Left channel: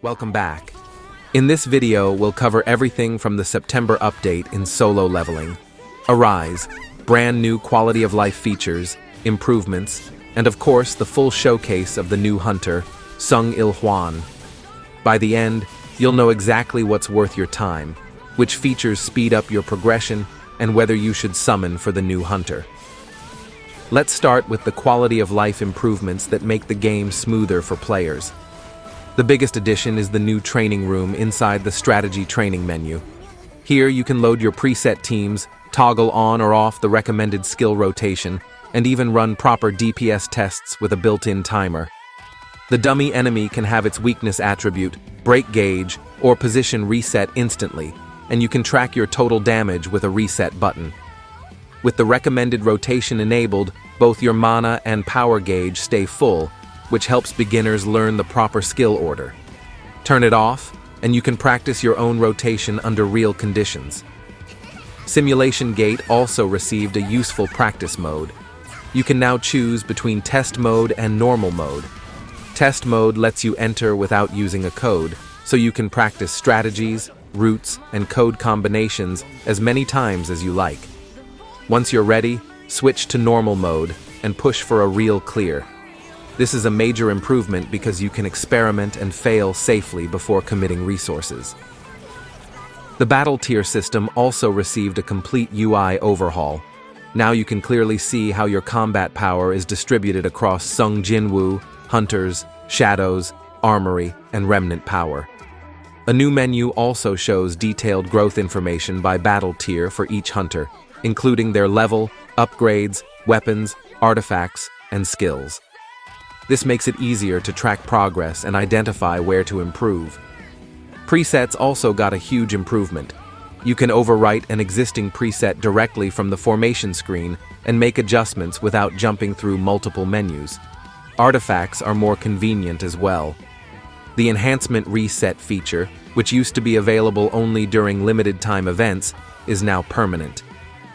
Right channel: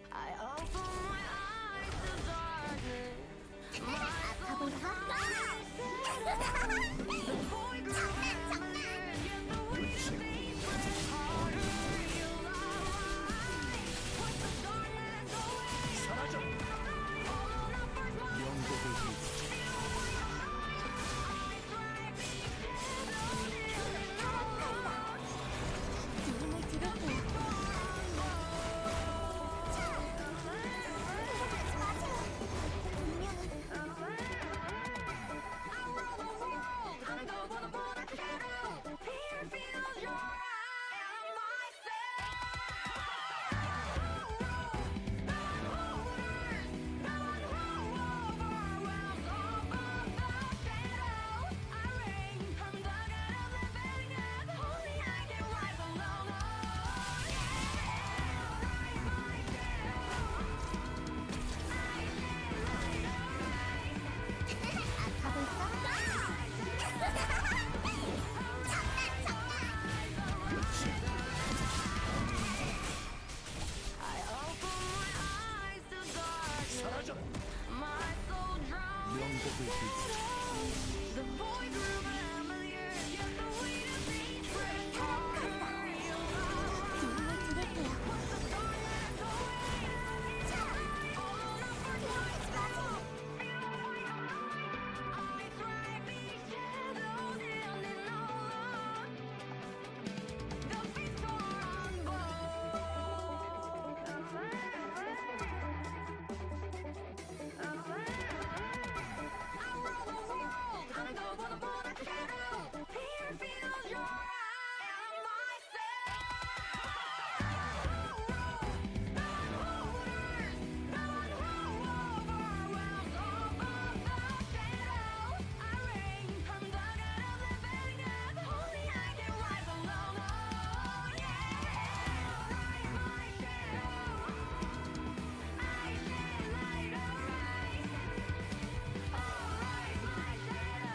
Welcome back. In this video, we'll cover everything from the September update in solo leveling. Arise, brand new quality of life features, improvements, and of course the full showcase of the new hunter, Sung Il-Hwan. By the end, you'll know exactly what's worth your time, which features speed up your progression, and whether you should summon for the new hunter. Let's start with the quality of life improvements that make the game smoother for players. The biggest addition is the new training room inside the strategy training menu. Here you can load your preset teams, toggle on or off the recommended skill rotation, and even run proper DPS tests with a built-in timer. The dummy enemy can have its weakness attribute, break gauge, or position reset instantly, and you can track your total damage with a reset button. With the recommended rotation enabled, both your mana and power gauge stay full, which helps beginners learn the proper skill order. Turn it off, and you can practice your own rotation under real conditions. Simulation Gate also received a useful practice mode. You can now choose between test mode and normal mode. Test mode lets you enter without using a code, so you can practice strategies, routes, and code combinations as many times as you like. Once you're ready, switch to normal mode and push for a real clear. This is a major improvement because you can experiment and fail safely before committing resources. The battle tier system also received a complete UI overhaul. Now you can clearly see how your combat power is distributed across Sung Jinwoo, Hunters, Shadows, Armory, and Remnant power. A new menu also shows detailed growth information by battle tier for each hunter, including their level, upgrades, weapons, artifacts, and skills. This makes it easier to track progress and identify where to improve. Presets also got a huge improvement. You can overwrite an existing preset directly from the formation screen and make adjustments without jumping through multiple menus. Artifacts are more convenient as well. The Enhancement Reset feature, which used to be available only during limited time events, is now permanent.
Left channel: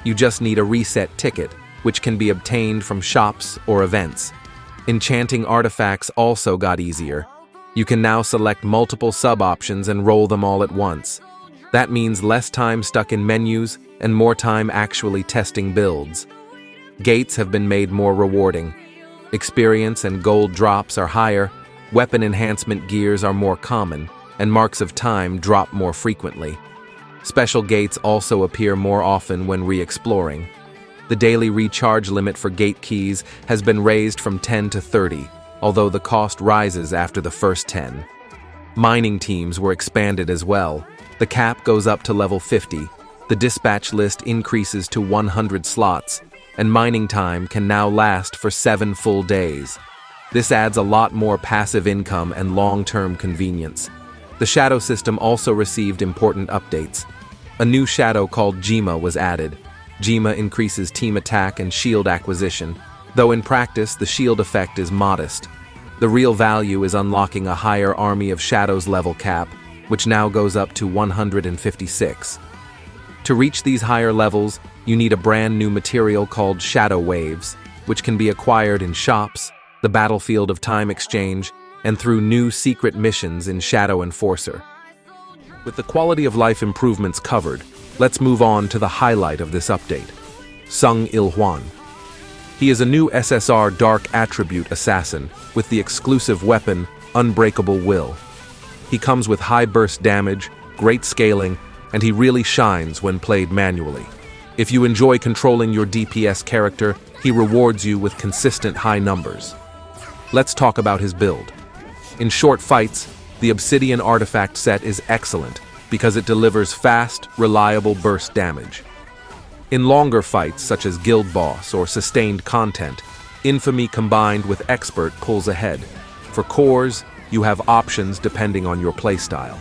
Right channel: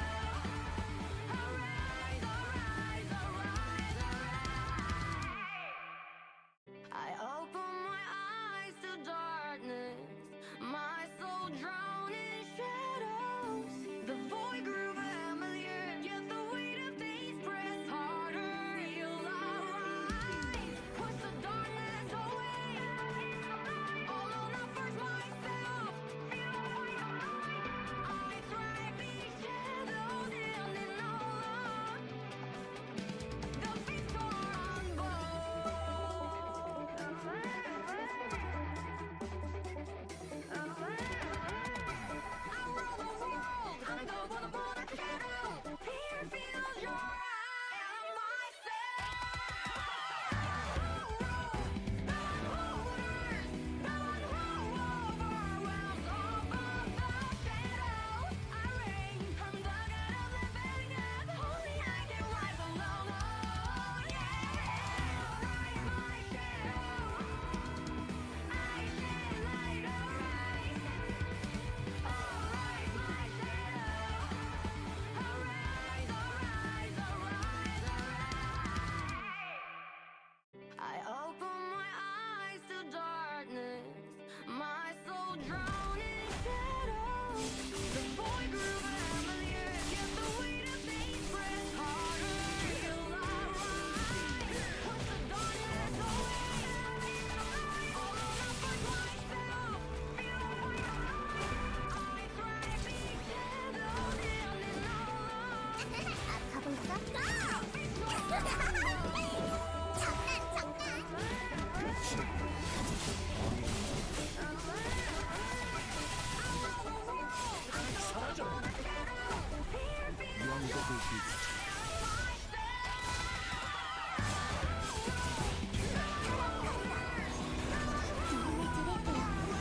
You just need a reset ticket, which can be obtained from shops or events. Enchanting artifacts also got easier. You can now select multiple sub-options and roll them all at once. That means less time stuck in menus and more time actually testing builds. Gates have been made more rewarding. Experience and gold drops are higher, weapon enhancement gears are more common, and marks of time drop more frequently. Special gates also appear more often when re-exploring. The daily recharge limit for gate keys has been raised from 10 to 30, although the cost rises after the first 10. Mining teams were expanded as well. The cap goes up to level 50, the dispatch list increases to 100 slots, and mining time can now last for 7 full days. This adds a lot more passive income and long-term convenience. The shadow system also received important updates. A new shadow called Jima was added. Jima increases team attack and shield acquisition, though in practice the shield effect is modest. The real value is unlocking a higher Army of Shadows level cap, which now goes up to 156. To reach these higher levels, you need a brand new material called Shadow Waves, which can be acquired in shops, the Battlefield of Time exchange, and through new secret missions in Shadow Enforcer. With the quality of life improvements covered, let's move on to the highlight of this update, Sung Il-Hwan. He is a new SSR Dark Attribute Assassin with the exclusive weapon, Unbreakable Will. He comes with high burst damage, great scaling, and he really shines when played manually. If you enjoy controlling your DPS character, he rewards you with consistent high numbers. Let's talk about his build. In short fights, the Obsidian artifact set is excellent because it delivers fast, reliable burst damage. In longer fights such as Guild Boss or sustained content, Infamy combined with Expert pulls ahead. For cores, you have options depending on your playstyle.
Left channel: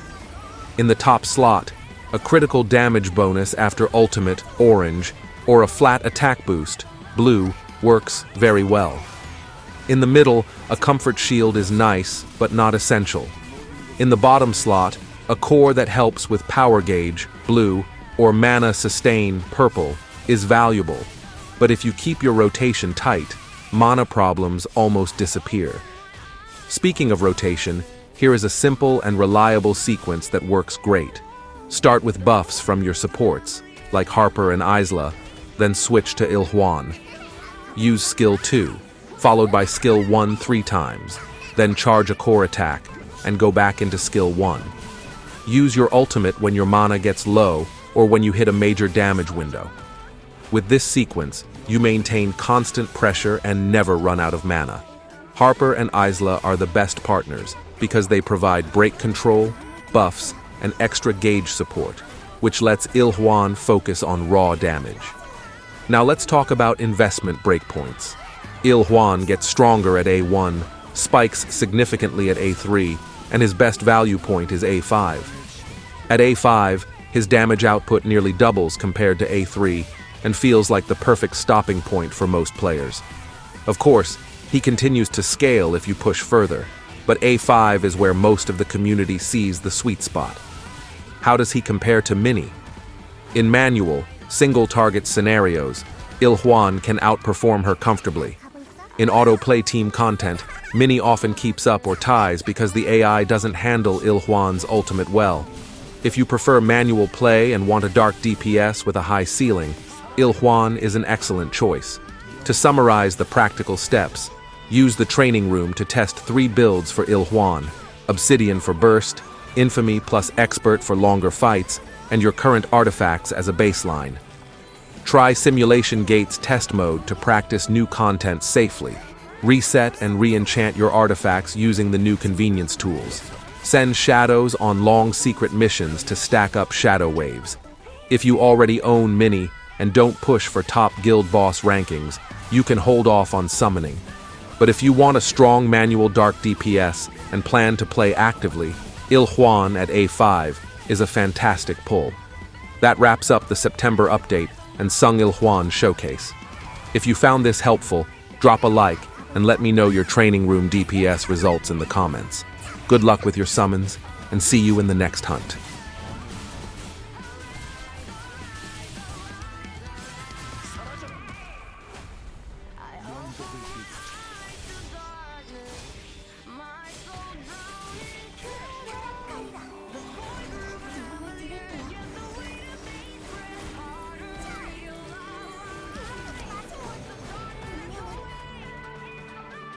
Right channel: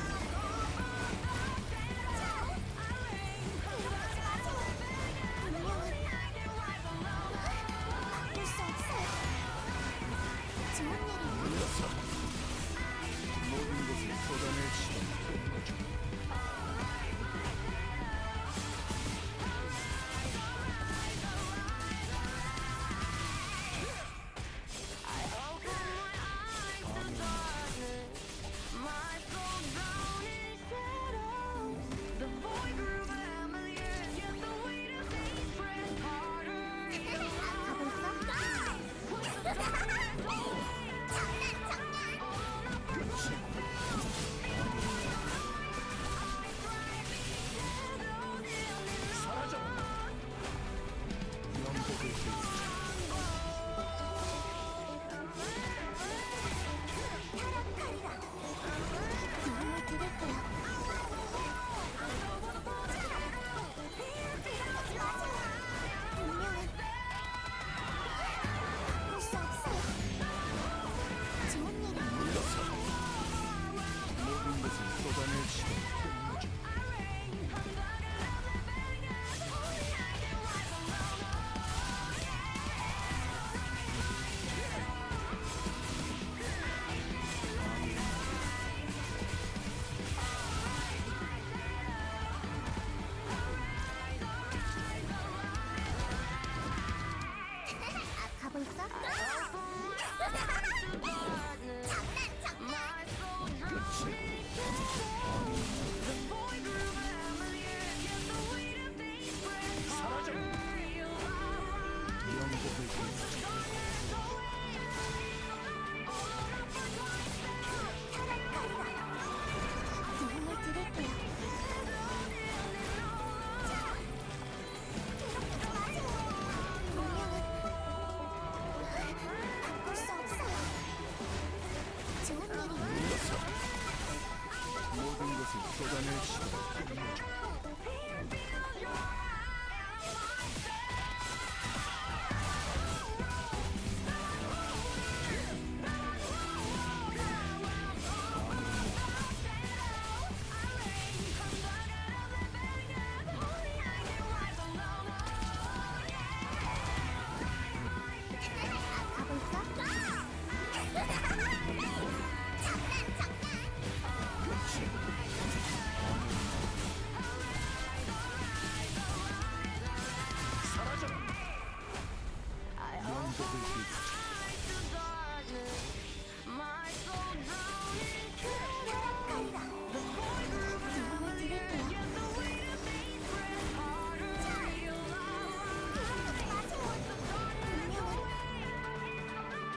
In the top slot, a critical damage bonus after Ultimate, Orange, or a flat attack boost, Blue, works very well. In the middle, a comfort shield is nice, but not essential. In the bottom slot, a core that helps with power gauge, Blue, or mana sustain, Purple, is valuable. But if you keep your rotation tight, mana problems almost disappear. Speaking of rotation, Here is a simple and reliable sequence that works great. Start with buffs from your supports, like Harper and Isla, then switch to Il-Hwan. Use skill 2, followed by skill 1 3 times, then charge a core attack, and go back into skill 1. Use your ultimate when your mana gets low or when you hit a major damage window. With this sequence, you maintain constant pressure and never run out of mana. Harper and Isla are the best partners because they provide break control, buffs, and extra gauge support, which lets Il-Hwan focus on raw damage. Now let's talk about investment breakpoints. Il-Hwan gets stronger at A1, spikes significantly at A3, and his best value point is A5. At A5, his damage output nearly doubles compared to A3 and feels like the perfect stopping point for most players. Of course, he continues to scale if you push further, but A5 is where most of the community sees the sweet spot. How does he compare to Mini? In manual, single-target scenarios, Il-Hwan can outperform her comfortably. In auto-play team content, Mini often keeps up or ties because the AI doesn't handle Il-Hwan's ultimate well. If you prefer manual play and want a dark DPS with a high ceiling, Il-Hwan is an excellent choice. To summarize the practical steps, use the training room to test 3 builds for Il-Hwan: Obsidian for burst, Infamy plus Expert for longer fights, and your current artifacts as a baseline. Try Simulation Gates test mode to practice new content safely. Reset and re-enchant your artifacts using the new convenience tools. Send shadows on long secret missions to stack up shadow waves. If you already own Mini and don't push for top guild boss rankings, you can hold off on summoning. But if you want a strong manual dark DPS and plan to play actively, Il-Hwan at A5 is a fantastic pull. That wraps up the September update and Sung Il-Hwan showcase. If you found this helpful, drop a like and let me know your training room DPS results in the comments. Good luck with your summons, and see you in the next hunt.